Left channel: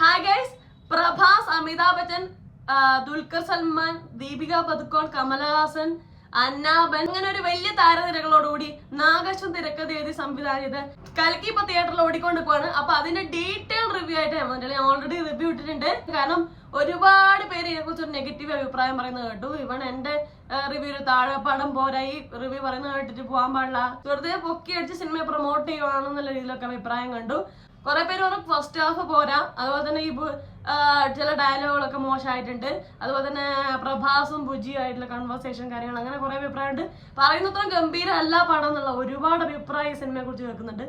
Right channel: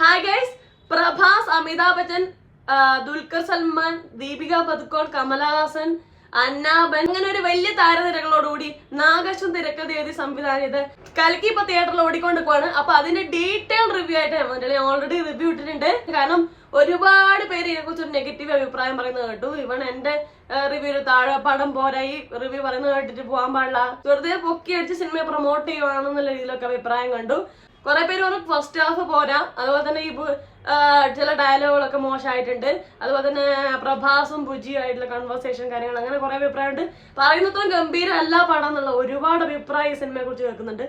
Hi guys, Prabhas, Amitabh Bachchan, Dulquer Salman, Deepika Padukone, Kamal Haasan, അന്നാബൻ അങ്ങനെ ഒരു വലിയ താരനിരകളോടുകൂടി നാഗശ്വൻ തിരക്കഥ എഴുതി സംവിധാനം ചെയ്ത് കൽക്കി ഇപ്പൊ തിയേറ്ററിൽ ഓടിക്കൊണ്ടിരിക്കുവാണ്. അപ്പൊ അതിന്റെ ഡീറ്റെയിൽ റിവ്യൂ ആയിട്ട് ഞാൻ ഓൾറെഡി റിവ്യൂ ഇട്ടിട്ടുണ്ട്. കാരണം ഒരുപാട് പേര് ഇതിനെ കുറിച്ച് ഒരു നെഗറ്റീവ് അഭിപ്രായം പറയുന്നത് കേട്ടു. ഇവൺ എന്റെ റിവ്യൂ താഴെ പടം പോരാ, ഈ റിവ്യൂ പറയുന്നത് കേട്ടിട്ട് പോകാൻ പാടില്ല, വെറുതെ പൊക്കി അടിച്ച് സിനിമയെ പ്രൊമോട്ട് ചെയ്യുവാണെന്നുള്ള രീതിയിലൊക്കെ അഭിപ്രായം കണ്ടു. കുറെ പേര് പറഞ്ഞു ഫസ്റ്റ് ഹാഫ് പോരാ, അതുപോലെ തന്നെ ഈ ചില ഡയലോഗുകളൊക്കെ മോശമായിട്ടുണ്ട്, അതുപോലെ തന്നെ പ്രഭാസും ബുജിയും ആയിട്ടുള്ള കൺവേഴ്സേഷൻ കാര്യങ്ങൾ, അങ്ങനെ കുറെ അഭിപ്രായമുണ്ട്. പറയുന്നത്രയും ഗംഭീരം അല്ല പടം എന്നുള്ള ഒരുപാട് അഭിപ്രായം ഈ സിനിമയെ കുറിച്ച് കേൾക്കുന്നുണ്ട്.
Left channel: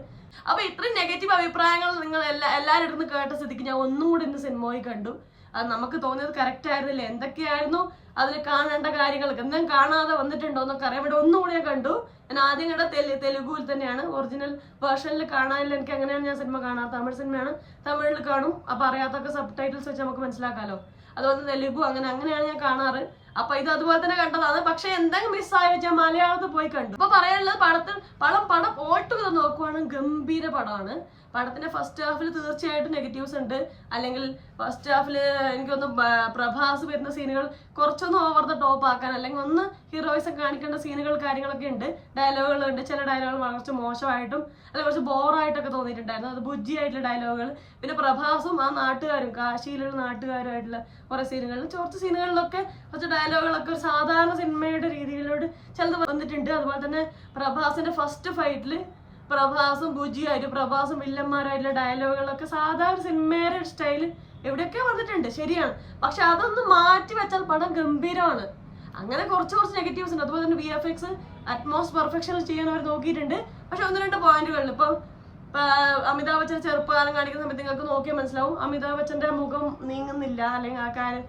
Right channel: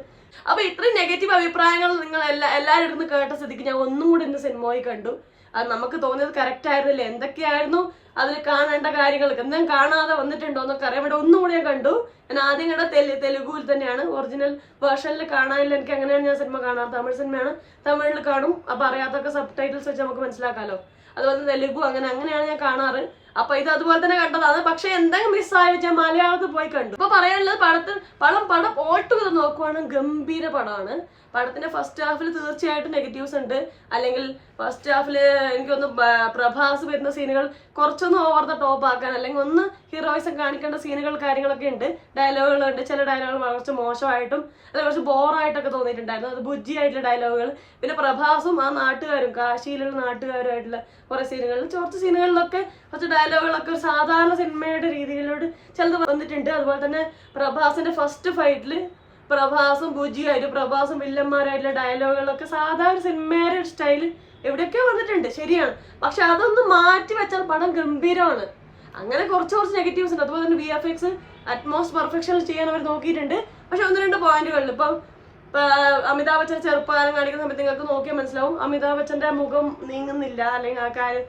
അപ്പൊ ഇത്രയും നെഗറ്റീവ് അഭിപ്രായങ്ങൾ നിങ്ങൾ എല്ലാവരും ഇരുന്ന് കേട്ട സ്ഥിതിക്ക് ഞാൻ ഒന്നും കൂടി ഇന്ന് സിനിമ പോയി കണ്ടു. അത് നമുക്ക് തോന്നിയത് കറക്റ്റ് ആയിരുന്നില്ല, എന്തൊക്കെയായിരുന്നു അതിൽ കാണേണ്ട കാര്യങ്ങൾ, എന്തെങ്കിലും കാണാതെ വന്നിട്ടുണ്ടോ എന്നൊക്കെ അറിയാൻ വേണ്ടി ഒന്നും കൂടി ഞാൻ കണ്ടു. ഞാൻ ആദ്യം കണ്ട തെലുഗുവിൽ തന്നെയാണ്, ഒറിജിനൽ വേർഷനിൽ കാണാനില്ല. എനിക്ക് അങ്ങനെയാണ് ഞാൻ സിനിമ കാണാറ്. തമിഴ് സിനിമയാണ്, തമിഴിൽ കാണും. അപ്പൊ അറിയാത്തൊക്കെ സബ് ടൈറ്റിൽസ് വെച്ച് നമുക്ക് മനസ്സിലാക്കാമല്ലോ. അതുപോലെ തെലുഗു അങ്ങനെയാണ് ഞാൻ കാണാറ്. അപ്പൊ ഇത് അതുപോലെ തന്നെ കണ്ടതാണ്. പക്ഷെ എന്തെങ്കിലും മിസ്സായി വെച്ചാൽ മലയാളത്തിൽ പോയി കണ്ടു. ഇപ്പൊ പറയാനുള്ളത് പടം ഓട്ടുക നോക്കുവാണ്, ഗംഭീര പടമാണ്. പടത്തിന്റെ ഫസ്റ്റ് ഹാഫിൽ തീർച്ചയായിട്ടും നെഗറ്റീവ്സ് ഉണ്ട്. അല്ലെങ്കിൽ ഫസ്റ്റ് ഹാഫിൽ എനിക്കൊന്ന് പ്രഭാസ് വരുന്ന സീനുകൾ കുറച്ചൊന്ന് ഓവർ ദ ടോപ്പ് ആക്കാൻ, അല്ലെങ്കിൽ ഒന്ന് ഹീറോയിസം കാണിക്കേണ്ട സീനുകൾ കാര്യങ്ങളൊക്കെ ഉണ്ട്. ഡയലോഗുകളുണ്ട്, ചില ഡയലോഗുകൾ കുറച്ച് മോശമായിട്ടും അല്ലെങ്കിൽ കുറച്ച് ബോറായിട്ടൊക്കെ തോന്നിയിട്ടുണ്ടായിരുന്നു. അത് ബുജ്ജി ആയിട്ടുള്ള ഡയലോഗുകൾ. പിന്നെ പ്രഭാസും ആ നാട്ടുകാരും, കാശിയിലുള്ള നാട്ടുകാരുമായിട്ടുള്ള കുറെ സീനുകളിൽ, കുറച്ച് സീനുകളിലൊക്കെ കുറച്ച് ഡയലോഗുകളൊക്കെ ഒരു സാധാരണ സിനിമയുടെ രീതിയിലോട്ട് ചിലത് വന്നിട്ടുണ്ട്. അതുപോലെ തന്നെ പ്രഭാസിന്റെ ഫസ്റ്റ് ഫൈറ്റിൽ പ്രഭാസും ബുജിയായിട്ടും പ്രഭാസും വില്ലന്മാരായിട്ടുള്ള ഡയലോഗുകളൊക്കെ സാധാരണ സിനിമയുടെ സ്റ്റൈല് എവിടെയൊക്കെ വന്നിട്ടുണ്ട്, ശരിയാണ്. പക്ഷെ അതൊന്ന് മാറ്റി വെച്ചാൽ പടം ഗംഭീരമാണ്. അങ്ങനെ കുറച്ച് നെഗറ്റീവ്സ് ഉണ്ട്. അതുപോലെ തന്നെ VFX അറ്റ്മോസ്റ്റ് പെർഫെക്ഷൻ ചെയ്യാൻ അവർ നോക്കിയിട്ടുണ്ട്. പക്ഷെ ഒന്ന് രണ്ട് പോയിന്റുകളിൽ ഇപ്പം അമിതാഭ് ബച്ചന്റെ ചെറുപ്പകാലം കാണിക്കുന്ന സമയത്ത് നിങ്ങൾക്ക് നോക്കിയാൽ മനസ്സിലാവും, അമിതാഭ് ബച്ചന്റെ മുഖം നീങ്ങുന്നില്ല, അല്ലെങ്കിൽ ആ കാര്യം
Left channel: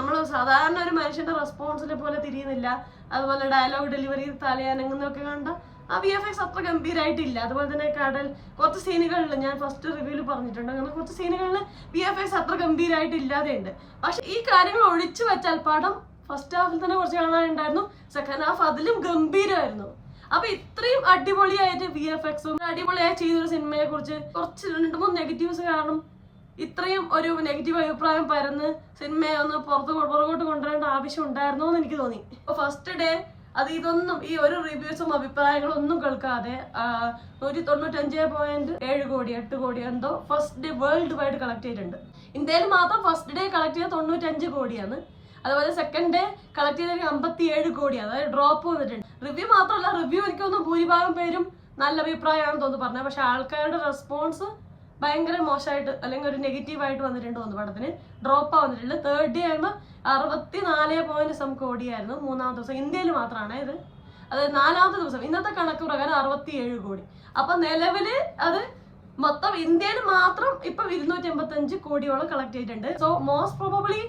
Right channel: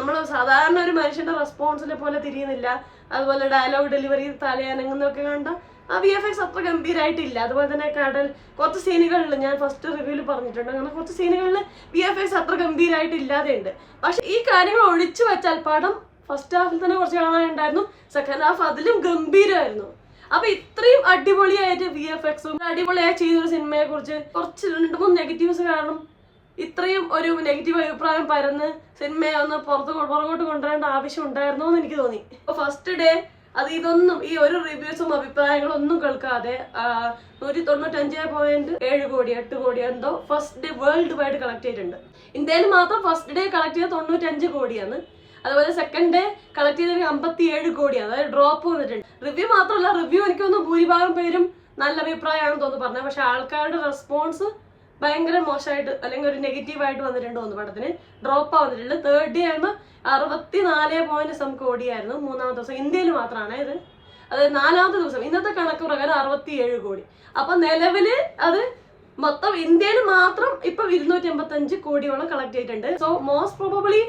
നമ്മൾ സാധാരണ ഒരു മനുഷ്യന്റെ റെസ്പോൺസിനെ പോലെ തിരിയുന്നില്ല. അതുപോലെ ഡയലോഗ് ഡെലിവറി തലയനങ്ങുന്നൊക്കെ കണ്ട ആ VFX അത്ര ഗംഭീരമായിട്ടില്ല. അതുപോലെ തന്നെ കുറച്ച് സീനുകളിൽ ഞാൻ ഫസ്റ്റ് റിവ്യൂവിൽ പറഞ്ഞിട്ടുണ്ട്, അങ്ങനെ കുറച്ച് സീനുകളിൽ VFX അത്ര ഗംഭീരമായിട്ടില്ലാതെ ഉണ്ട്. പക്ഷെ ഈ കാര്യങ്ങൾ ഒഴിച്ചു വെച്ചാൽ പടം ഫസ്റ്റ് ഹാഫിൽ തന്നെ കുറച്ച് കാണാനുണ്ടായിരുന്നു, സെക്കൻഡ് ഹാഫ് അതിലും ഗംഭീരമായിരുന്നു. അപ്പൊ ഇത്രയും അടിപൊളിയായിട്ട് VFXും അടിപൊളിയായി ചെയ്തൊരു സിനിമയെ കുറിച്ച് കുറച്ച് 2-3 നെഗറ്റീവ്സ് കാരണം ഇത്രയും ഒരു നെഗറ്റീവ് അഭിപ്രായം പരന്ന് സിനിമയെ ഒന്ന് പുറകോട്ട് കൊണ്ടുവരേണ്ട ആവശ്യം ഉണ്ടായിരുന്നോ എന്ന് എനിക്ക് തോന്നി. അപ്പൊ ഫസ്റ്റ് ഡേ ഇതൊന്നും ഈ ഒരു റിവ്യൂസും അഭിപ്രായങ്ങളും ഒന്നും കേൾക്കാതെ 195.7 കോടി 8 കോടി എന്തോ first day world wide collect ചെയ്തിട്ടുണ്ട്. ഇന്ത്യയിൽ മാത്രം ഫസ്റ്റ് ഡേ കളക്ട് ചെയ്ത 95 കോടിയാണ്. അതുപോലെ സെക്കൻഡ് ഡേ കളക്ട് ചെയ്ത 57 കോടിയാണ്, അതായത് ഡ്രോപ്പ് വന്നിട്ടുണ്ട്. റിവ്യൂ മാത്രമല്ല, റിവ്യൂ എനിക്കൊന്നും ഭൂരിഭാഗം പേരും നല്ല അഭിപ്രായമാണെന്ന് തോന്നുന്നു പറഞ്ഞത്. പക്ഷെ ആൾക്കാരുടെ റെസ്പോൺസ് ഭയങ്കര മോശമായിട്ട് അല്ലെങ്കിൽ ഒരു നെഗറ്റീവായിട്ട് വന്നിട്ടുണ്ട് തോന്നുന്നു. പടത്തിന് ഡ്രോപ്പാ വന്നിട്ടുണ്ട്. തേർഡ് ഡേ ആകുമ്പോൾ 64.some കോടിയായിരുന്നു മൂന്നാമത്തെ ദിവസം. ഇന്ത്യയിൽ മാത്രമാണ് ഇത്. അത് നാലാമത്തെ ദിവസം ഇന്നത്തെ കണക്ക് പ്രകാരം 67 കോടി. അപ്പൊ നിലവില് അത് മൊത്തം ഇന്ത്യയിൽ മാത്രം ഇപ്പൊ 285 കോടിയോളം കളക്ട് ചെയ്തിട്ടുണ്ട്. സോ മോസ്റ്റ് പ്രോബബ്ലി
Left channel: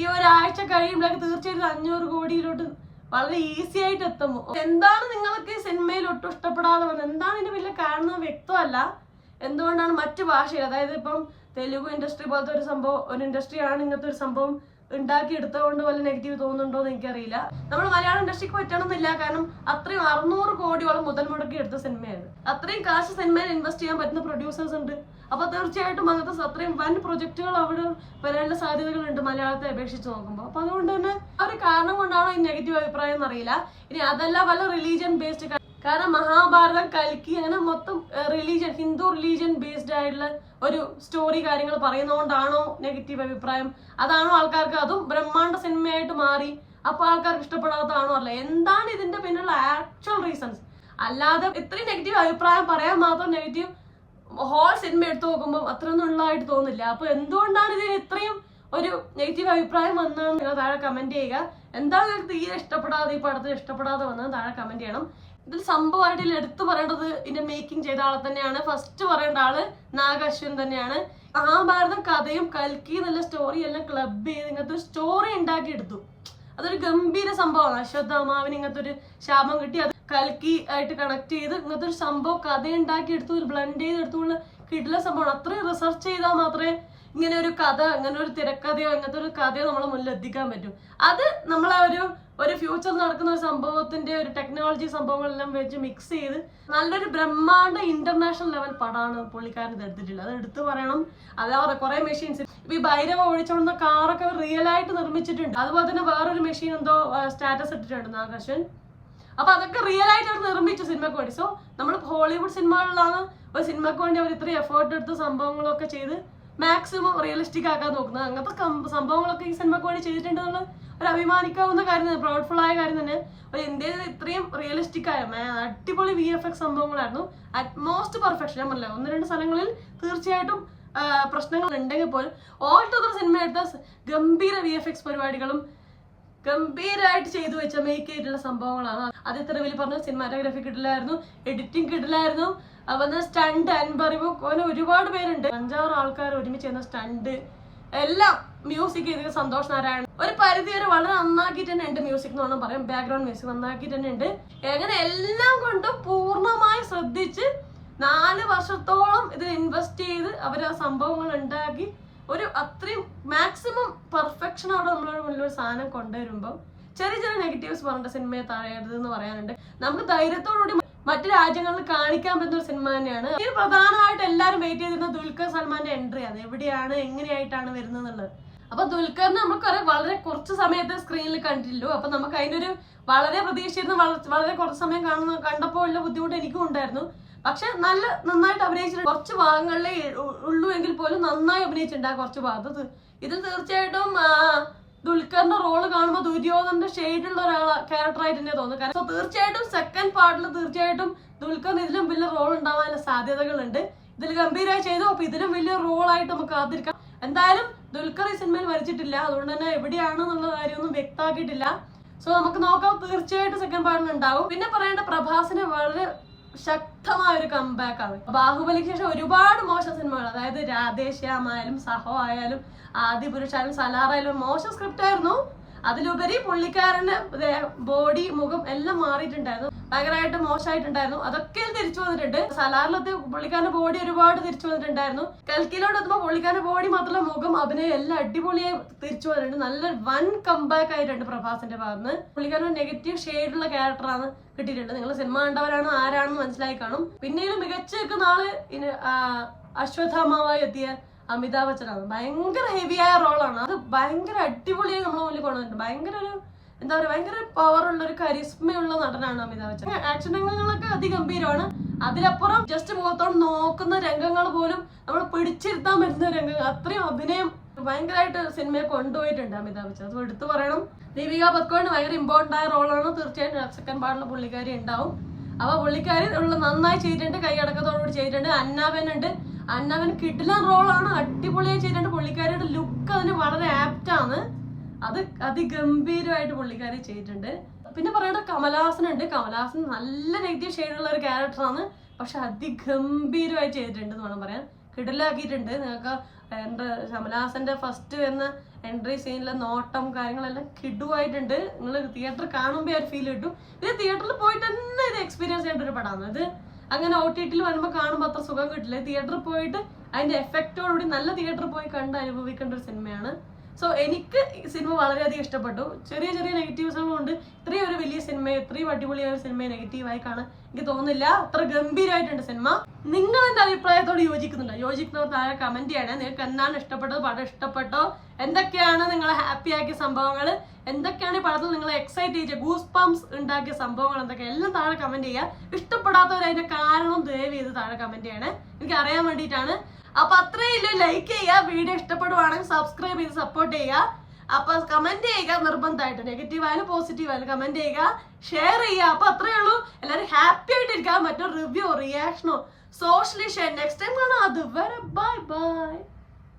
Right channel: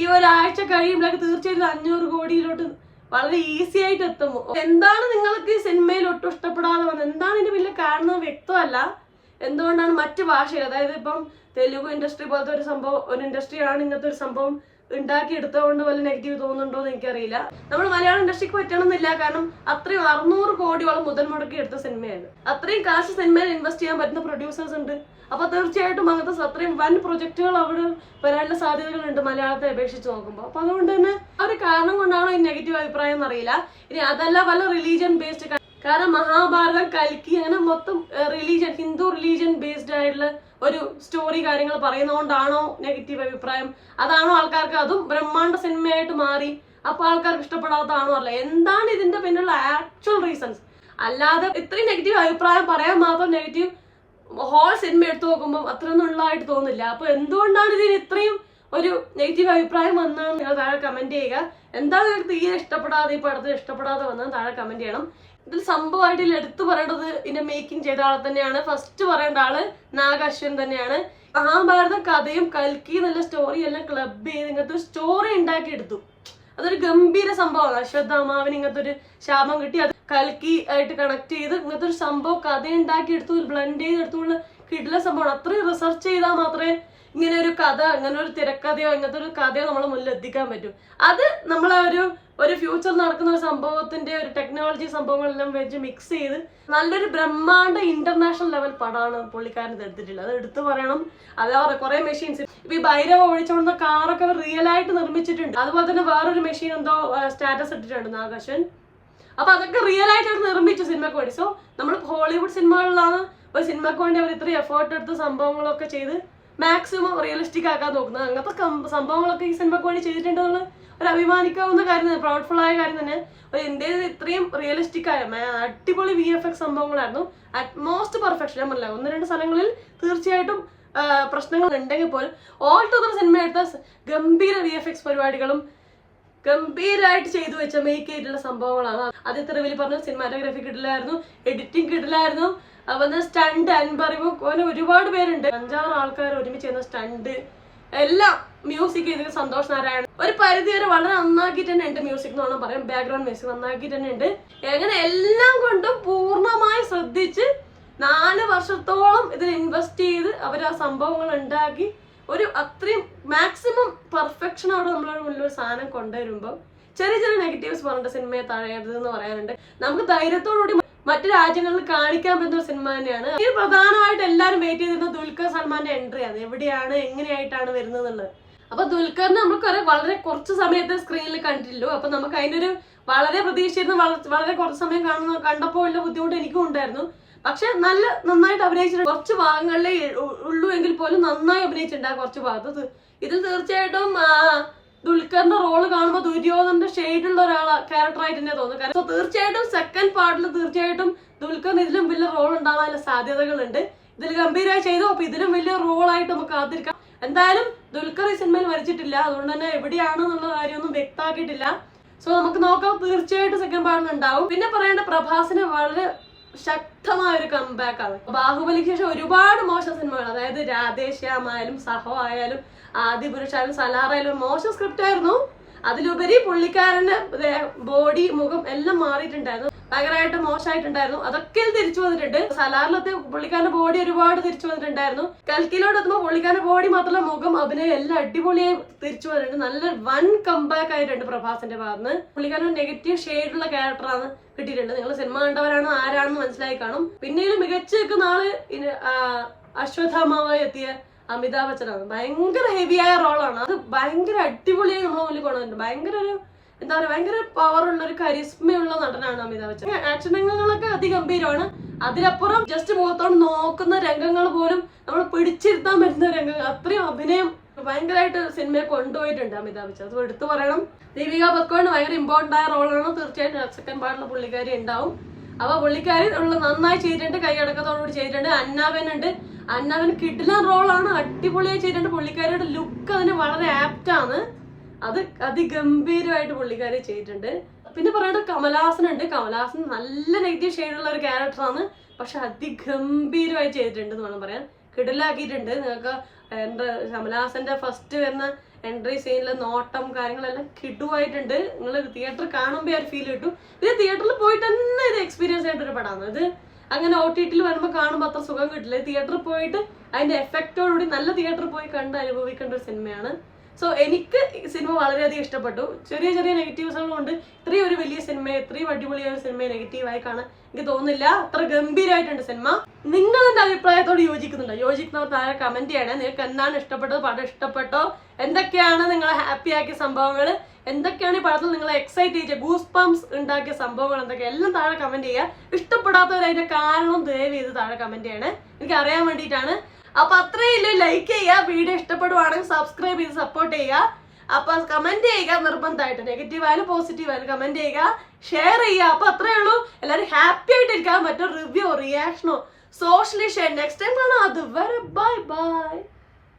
ഈ ഒരാഴ്ച കഴിയുമ്പോഴേക്ക് തീർച്ചയായിട്ടും 500 കോടിയിലോട്ട് വളരെ ഈസി ആയിട്ട് എത്തുമോ. എന്താണ് നിങ്ങൾക്ക് സിനിമയിൽ ഒട്ടും ഇഷ്ടപ്പെടാതെ വന്നത്, എന്താണ് ഇതിന്റെ വലിയ കാരണം വ്യക്തമല്ല. എന്തുകൊണ്ടാണ് മറ്റ് ഭാഷയിൽ, അതായത് ഇപ്പം തെലുഗു ഇൻഡസ്ട്രി പോലത്തെ ഒരു സംഭവം, ഒരു ഇൻഡസ്ട്രിയാണ് ഇങ്ങനത്തെ ഒരു സംഭവം ഉണ്ടാക്കി എടുത്തതുകൊണ്ട് വല്ല നെഗറ്റീവ് തോന്നുന്നുണ്ടോ എന്ന് എനിക്കറിയില്ല. നമ്മൾ മലയാളം ഇൻഡസ്ട്രിക്ക് പറ്റണമെന്നില്ല, കാരണം അത്രയും 600 കോടിയോളം മുതൽ മുടക്കി എടുത്ത സിനിമയാണ്. അത്രയും കാശ് സിനിമയിൽ ഇൻവെസ്റ്റ് ചെയ്യാൻ പറ്റുന്ന പ്രൊഡ്യൂസേഴ്സ് ഉണ്ട്. അപ്പൊ തീർച്ചയായിട്ടും അങ്ങനത്തെ അത്രയും വൻ പ്രൊജക്ടുകൾ അവിടെ വരാനുള്ള സാധ്യതകളുണ്ട് മലയാളത്തെ അപേക്ഷിച്ച് നോക്കുമ്പോൾ. അപ്പൊ അതുകൊണ്ട് തന്നെ ആ ഒരു കാരണം കൊണ്ടാണോ ഈ നെഗറ്റീവ് അഭിപ്രായം എന്നറിയില്ല. ഇനി അതല്ല വല്ല റിലീജിയൻ ബേസ്ഡ്, കാരണം മഹാഭാരതം, കൽക്കി അങ്ങനെ മൊത്തം റിലീജിയൻ, ഹിന്ദു റിലീജിയൻ ബേസ്ഡ് ആയിട്ടുള്ള ഒരു സ്റ്റോറി കാര്യങ്ങൾ പറയുന്നതുകൊണ്ടാണോ നെഗറ്റീവ് അഭിപ്രായം? അതാണോ ആൾക്കാർക്ക് അതും ബ്രഹ്മാണ്ഡ സിനിമയായിട്ട് മാറി അപ്പൊ ആൾക്കാർക്ക് ഇഷ്ടപ്പെടാത്തതാണോ അല്ല, എന്താണ് ഇതിന്റെ പിന്നിലുള്ള ആക്ച്വൽ റീസൺസ്? അല്ലാതെ ഇത്രയും നെഗറ്റീവ് അഭിപ്രായം പറയാൻ മാത്രം നെഗറ്റീവ് ഹോൾ സിനിമ എടുത്തു നോക്കുമ്പോൾ അത്രയൊന്നും ഉള്ളതായിട്ട് തോന്നില്ല. അപ്പൊ എന്തുകൊണ്ടാണ് ഇതിന് ഇത്രയും ഒരു നെഗറ്റീവ് അഭിപ്രായം വന്നതെന്ന് നിങ്ങൾ താഴെ കമന്റ് ചെയ്യുക. എന്താണ് നിങ്ങൾക്ക് തീരെ ഇഷ്ടപ്പെടാതെ, ഈ പടത്തിൽ ഇഷ്ടപ്പെടാതെ വന്നത് താഴെ കമന്റ് ചെയ്യണം. ഇതിൽ സംഭവമായിട്ട് എടുത്തു പറയേണ്ടത് ഇതിന്റെ മേക്കിംഗ് ചെയ്ത ആളെ തന്നെയാണ്. ഫസ്റ്റ് പറയേണ്ട ആള് നാഗശ്വൻ തന്നെയാണ്. മഹാഭാരതം കഥയും കൽക്കി എന്നുള്ള സ്റ്റോറി എല്ലാം ക്ലബ് ചെയ്ത് ഇങ്ങനത്തെ ഒരു സ്റ്റോറി ഉണ്ടാക്കി എടുത്തു. അതൊരു ഗംഭീര സംഭവമാണ്. അശ്വത്ഥാമാവിന് ഇങ്ങനത്തെ ഒരു ശാപം കിട്ടി, അത് കൽക്കി ആയിട്ട് കണക്ട് ചെയ്ത് ഇങ്ങനത്തെ ഒരു സംഭവം കഥ ഉണ്ടാക്കി എടുത്തു, ബ്ലെൻഡ് ചെയ്തെടുത്തുള്ള കിടില സംഭവമാണ്. അത്രയും റിസർച്ച് ചെയ്താൽ മാത്രമേ ഇങ്ങനെ ഒരു കഥ, അങ്ങനെ ഒരു തിരക്കഥയോ അങ്ങനത്തെ ഒരു കഥയോ നമ്മളെ മുന്നിൽ എത്തിക്കാൻ പറ്റും. അത് നമ്മളെ ഒരു ഫ്യൂച്ചറിൽ നടക്കുന്ന ഒരു സംഭവത്തിന്റെ ഒരു ടെക്നോളജി സംഭവങ്ങളെല്ലാം വെച്ച് മിക്സ് ചെയ്ത് നല്ലൊരു ബ്രഹ്മാണ്ഡ ഇന്റർനാഷണൽ ലെവൽ പടമാണ് പുള്ളിക്കാരൻ ഇത് എടുത്തിട്ടുള്ളത്. അത് എടുത്തു പറയണം. അതേപോലെ കുറെ മെഷീൻസ്, ഇപ്പൊ ഈ ഭൈരവ ഒഴിച്ചോണ്ടുന്ന കാറൊക്കെ റിയൽ ആയിട്ട് നിർമ്മിച്ചിട്ടുണ്ട്. അതുപോലെ തന്നെ വേറൊരു മെഷീൻ എന്തോ സ്റ്റാറ്റസ് ഇട്ടിട്ടുണ്ട് നാഗശ്വൻ. അപ്പൊ അതൊക്കെ റിയൽ ആയിട്ട് അവർ നിർമ്മിച്ചു സിനിമയ്ക്ക് വേണ്ടി. സോ നമ്മൾ ഹോളിവുഡ് സിനിമകളിലാണ് ഒരു സിനിമയ്ക്ക് വേണ്ടി അവർ ഇത്രയും എഫേർട്ട് എടുത്ത് സംഭവങ്ങളൊക്കെ ചെയ്ത് മാക്സിമം റിയലിസ്റ്റിക് ആക്കാൻ നോക്കുന്നത്. അങ്ങനത്തെ സംഭവങ്ങളൊക്കെ ഈ സിനിമയ്ക്ക് വേണ്ടി ചെയ്തിട്ടുണ്ടെന്നുള്ള ഒരു അഭിമാനിക്കാവുന്ന കാര്യം തന്നെ, പ്രൗഡ്ഫുൾ ആയ കാര്യം തന്നെ. ഒരു ഇന്ത്യയിൽ ഇത്രയും റിയലിസ്റ്റിക് ആയ അടിപൊളി VFX സംഭവങ്ങളായിരുന്നു. Utmost perfection. ഞാൻ പറഞ്ഞില്ല, 1-2 സ്ഥലങ്ങളിൽ തീർച്ചയായിട്ടും പ്രശ്നങ്ങൾ ഉണ്ടെങ്കിൽ പോലും ഓൾ ടുഗദർ സിനിമ എടുത്ത ഗംഭീര VFX പരിപാടികളും ഗംഭീരമായിട്ട് ചെയ്തു വെച്ച മേക്ക് ചെയ്തിട്ടുള്ള സംഭവങ്ങളാണ്. ആദ്യത്തെ റിവ്യൂവിൽ പറഞ്ഞു സിനിമാറ്റോഗ്രാഫി കിട്ടില്ലായിരുന്നു, എഡിറ്റിംഗ് കിട്ടില്ലായിരുന്നു, അതുപോലെ സ്റ്റണ്ട് അൻപറിവ്, അങ്ങനെ ഒരുപാട് പേരുണ്ട്. 5-6 ആൾക്കാർ ഒരുമിച്ച് ചെയ്യുന്ന സ്റ്റണ്ട് എല്ലാം. മ്യൂസിക് ചെയ്ത് സന്തോഷ് നാരായണൻ ഒരു പരിധി വരെ വളരെ നന്നാക്കിയിട്ട് തന്നെ ഉണ്ട്. മ്യൂസിക് എന്ന് വേണം പറയാം, ബാക്ക്ഗ്രൗണ്ട് മ്യൂസിക് നന്നാക്കിയിട്ട് തന്നെ ഉണ്ട്. എങ്ങനെ എല്ലാം കൊണ്ടും പൂർണ്ണമായി ശ്രദ്ധിച്ച് 4 വർഷത്തോളം ഇതിൽ ഇൻവെസ്റ്റ് ചെയ്ത് അവർ ആ സംഭവങ്ങൾ ഉണ്ടാക്കി ഒരു അത്രയും മാക്സിമം പെർഫെക്ഷനോടെ നമ്മളൊരു മുന്നിലൊരു സാധനം കൊണ്ടുവരുമ്പോൾ ചെറിയ ചെറിയ നെഗറ്റീവ്സ് പറഞ്ഞിട്ട് സിനിമയെ തഴയരുതെന്ന് പറയാനുണ്ട്. നമുക്ക് ധൈര്യത്തോടുകൂടി മറ്റു രാജ്യങ്ങളിൽ കാണിക്കാൻ പറ്റുന്ന ഒരു സിനിമ തന്നെയാണ്. ഇത് പ്രധാനമായിട്ട് എല്ലാവരും വെയിറ്റ് ചെയ്തിരുന്ന ദുൽഖർ സൽമാന്റെ എൻട്രിയാണ്. എവിടെയാണ്, എങ്ങനെയായിട്ടാണ് വരുന്നത് എന്നുള്ളത്. അപ്പൊ ദുൽഖറിനെ നമുക്ക് വളരെ കുറച്ച് സമയത്ത് സ്ക്രീനിൽ കണ്ടിട്ടുള്ളൂ. അപ്പൊ നമുക്ക് അതിന്റെ ഒരു വളരെ പ്രതീക്ഷിച്ചിരുന്ന വളരെ കുറച്ച് സമയം കണ്ടപ്പോൾ ഉള്ള ബുദ്ധിമുട്ട് എനിക്കും ഉണ്ടായിരുന്നു. പക്ഷെ നന്നായിട്ട് അഭിനയിച്ചിട്ടുണ്ട്. കുറച്ച് ഭാഗങ്ങളിലേ ഉള്ളൂ എങ്കിൽ പോലും നന്നായി അഭിനയിച്ചിട്ടുണ്ട് ആ കുറച്ച് ഭാഗത്ത്. ഇതിൽ തീർച്ചയായിട്ടും ദുൽഖറിന്റെ റോള് കാണുമ്പോൾ ദുര്യോധന്റെ ഷെയ്ഡുള്ള ക്യാരക്ടറായിട്ട് തന്നെ തോന്നുന്നു. കാരണം തീർച്ചയായിട്ടും സെക്കൻഡ് പാർട്ടിൽ തീർച്ചയായിട്ടും ദുൽഖറിന് ഇതിലും വലിയ റോൾ ഉണ്ടാവാനുള്ള സാധ്യതകളുണ്ട്. ഇതിൽ ഗംഭീരമായി ചെയ്തു. അപ്പൊ ഇതിലും വലിയ റോളായിട്ട് നമുക്ക് കാത്തിരിക്കാം. എന്തായാലും ദുൽഖർ ഈ സിനിമയിൽ വരച്ചിട്ടില്ല, അതുകൊണ്ട് തന്നെ എവിടെയാണെന്നുള്ള കാര്യമൊന്നും വ്യക്തമാക്കിയിട്ടില്ല. സോ നമുക്ക് നോക്കാം, തീർച്ചയായിട്ടും സെക്കൻഡ് പാർട്ടിൽ ഉണ്ടാവും. പിന്നെ പറയേണ്ട പ്രഭാസിന് വളരെ ശക്തമായ ഒരു കംബാക്ക് ആണ്. ബാഹുബലിക്ക് ശേഷം ഒരുപാട് മോശം സിനിമകൾ, അതായത് രാധേശ്യാം ആയാലും സഹോ ആയാലും ആദിപുരുഷായാലും സലാറായാലും മോശം സ്ക്രിപ്റ്റ് ആയിരുന്നു. അതിലുപരി പുള്ളിക്കാരന്റെ ബോഡി, മുഖം എല്ലാം മാറിയിട്ടുണ്ടായിരുന്നു, ഭയങ്കരമായിട്ട് മോശമായിട്ടുണ്ടായിരുന്നു. അതൊക്കെ തിരിച്ചു വന്നിട്ടുണ്ട്. സലാറിലത്തെ പുള്ളിക്കാരന്റെ ബോഡി ഒരുപാട് തിരിച്ചു വന്നിട്ടുണ്ടായിരുന്നു. കൽക്കിലോട്ട് എത്തുമ്പോൾ പുള്ളിക്കാരന്റെ ബോഡി മാത്രമല്ല മുഖം, അഭിനയം എല്ലാം അടിപൊളിയായി തിരിച്ചു വന്നിട്ടുണ്ട്. നല്ല വൻ കംബാക്ക് ആയിട്ടുണ്ട് പ്രഭാസിന്റെ ഭാഗത്ത്. പുള്ളിക്കാരൻ നെഗറ്റീവ് ഷെയ്ഡുള്ള ക്യാരക്ടറാണ് കിട്ടിയിട്ടുണ്ട്. നിങ്ങൾ സിനിമ കണ്ടവരാണ്, ആരാണെന്ന് മനസ്സിലായി കാണും. പിന്നീട് മികച്ചു നിൽക്കുന്ന ആള് അശ്വത്ഥാമാവായി എത്തിയ അമിതാഭ് ബച്ചനാണ്. ഭയങ്കര ഹെവിയായ റോളാണ്. അത് ഭയങ്കര അടിപൊളിയായി നമ്മളെ മുന്നിൽ കൊണ്ടുവന്നിട്ടുണ്ട്. ഭയങ്കര ഒരു എന്താ പറയുക, ഭയങ്കര പവറുള്ള ഒരു കരിസ്മയുള്ള നടനാണ് അമിതാഭ് ബച്ചൻ. ആക്ഷൻ രംഗങ്ങളൊക്കെ അതിഗംഭീരമാണ്. അതിലപ്പുറം ജസ്റ്റ് മുഖത്തോട് നോക്കുന്ന രംഗങ്ങൾ പോലും നമ്മൾ പിടിച്ചിരുത്താൻ പറ്റുന്ന രംഗങ്ങൾ, അത്രയും അഭിനയം ഭയങ്കരമായിട്ട് സിനിമയെ കൊണ്ടുപോയിട്ടുണ്ട് അമിതാഭ് ബച്ചൻ. അത് എടുത്തു പറയണം. ദീപിക പദുക്കോൺ ഭയങ്കര ഇമ്പോർട്ടന്റ് ആയ റോളാണ്. തീർച്ചയായിട്ടും സെക്കൻഡ് പാർട്ടിലെ പുള്ളിക്കാരി ഉണ്ടാവും. അപ്പൊ പുള്ളിക്കാരി നന്നായി ചെയ്തിട്ടുണ്ട്, കൈയടക്കത്തോടുകൂടി ചെയ്തിട്ടുണ്ട്. അന്നാവൻ ഉണ്ട്. അന്നാവൻ കിടിലൻ റോളാണ്, അടിപൊളിയായി ചെയ്തിട്ടുണ്ട്. പുള്ളിക്കാരിയുടെ ലുക്ക് അതിന് വളരെ ആപ്റ്റാണ്. അത് അതിഗംഭീരമായിട്ട് പുള്ളിക്കാരി ചെയ്തിട്ടുണ്ട്. പിന്നെ പറയേണ്ടത് കമലഹാസൻ ഉണ്ട്. കമലഹാസൻ നല്ല നെഗറ്റീവ് ഷെയ്ഡുള്ള ഒരു ക്യാരക്ടറാണ്, പക്ഷെ അതിഗംഭീരമായി ചെയ്തിട്ടുണ്ട് എന്ന് വേണം പറയാൻ. കിടിലാക്കിയിട്ടുണ്ട്. നിങ്ങൾക്ക് കമലഹാസന്റെ ഫസ്റ്റ് വരുന്ന എൻട്രി സീനിലെ നോട്ടം കാര്യങ്ങളെല്ലാം കിടുവായിട്ടുണ്ട്. നിങ്ങൾ തിയേറ്റർ കാണുമ്പോൾ ഒരു ഫീൽ കിട്ടും. ഇത് തിയേറ്ററിൽ പോയിട്ട് തന്നെ ഇത് എക്സ്പീരിയൻസ് ചെയ്യേണ്ട ഒരു പടമാണ്. ഇത് അങ്ങനെ OTT വരുമ്പോൾ കാണുമ്പോൾ അത്ര സുഖം കിട്ടില്ല. തിയേറ്ററിൽ പോയിട്ട് അതിന്റെ എഫക്റ്റോടുകൂടി നല്ല തിയേറ്ററിൽ പോയി കണ്ട് അനുഭവിക്കേണ്ട ഒരു സിനിമയാണ്. സോ എനിക്ക് സിനിമ വളരെയധികം ഇഷ്ടപ്പെട്ടു. ചെറിയ ചെറിയ നെഗറ്റീവ്സുകളും ഉണ്ട്. ഇത്രയും ഒരു വലിയ സിനിമയെ, ഇത്രയും അടിപൊളിയായ ഒരു സിനിമയെ നെഗറ്റീവായി കാണാൻ എനിക്ക് തോന്നുന്നില്ല. അത്ര ഗംഭീരമായിട്ടുണ്ട് സിനിമ. നിങ്ങൾ എന്റെ അഭിപ്രായത്തോട് യോജിക്കുന്നുണ്ടോ? യോജിക്കുന്നവർ താഴെ കമന്റ് ചെയ്യണേ. നിങ്ങൾക്ക് എന്താണ് ഇഷ്ടപ്പെട്ടത്? പടം ഇഷ്ടപ്പെട്ടോ? എന്തൊക്കെയാണ് നിങ്ങളെ ഹാപ്പി ആക്കിയ സംഭവങ്ങൾ? എന്തൊക്കെയാണ് ഈ പടത്തിൽ നിങ്ങളെ എക്സൈറ്റ് ചെയ്ത ഗൂസ് പംസ് ഉണ്ടാക്കിയ സംഭവങ്ങൾ? എന്തൊക്കെ എല്ലാം താഴെ കമന്റ് ചെയ്യുക. ഇഷ്ടപ്പെടാത്തവർ അതിന്റെ കാരണം ദയവ് ചെയ്ത് താഴെ കമന്റ് ചെയ്യണേ. എനിക്ക് അറിയാൻ വേണ്ടിയിട്ടാണ്. അപ്പൊ അത്രയില്ല, ലൈക്ക് ചെയ്യുക, വീഡിയോ ഇഷ്ടപ്പെടുവാണെങ്കിൽ സബ്സ്ക്രൈബ് ചെയ്ത് സപ്പോർട്ട് ചെയ്യുക. അപ്പൊ കമന്റ് ചെയ്യുക നിർബന്ധമായിട്ട്, നെഗറ്റീവ് ആയാലും പോസിറ്റീവ് ആയാലും കമന്റ് ചെയ്യുക, ഷെയർ ചെയ്യുക. അപ്പൊ അത്രയേ ഉള്ളൂ. എല്ലാവരും ഹാപ്പി ആയിട്ടിരിക്കുക. മറ്റൊരു റിവ്യൂ, റിയാക്ഷനോ, സോഷ്യലി ഷെയർ നെക്സ്റ്റ് ടൈം കാണാം. അതുവരെ ബൈ ബൈ.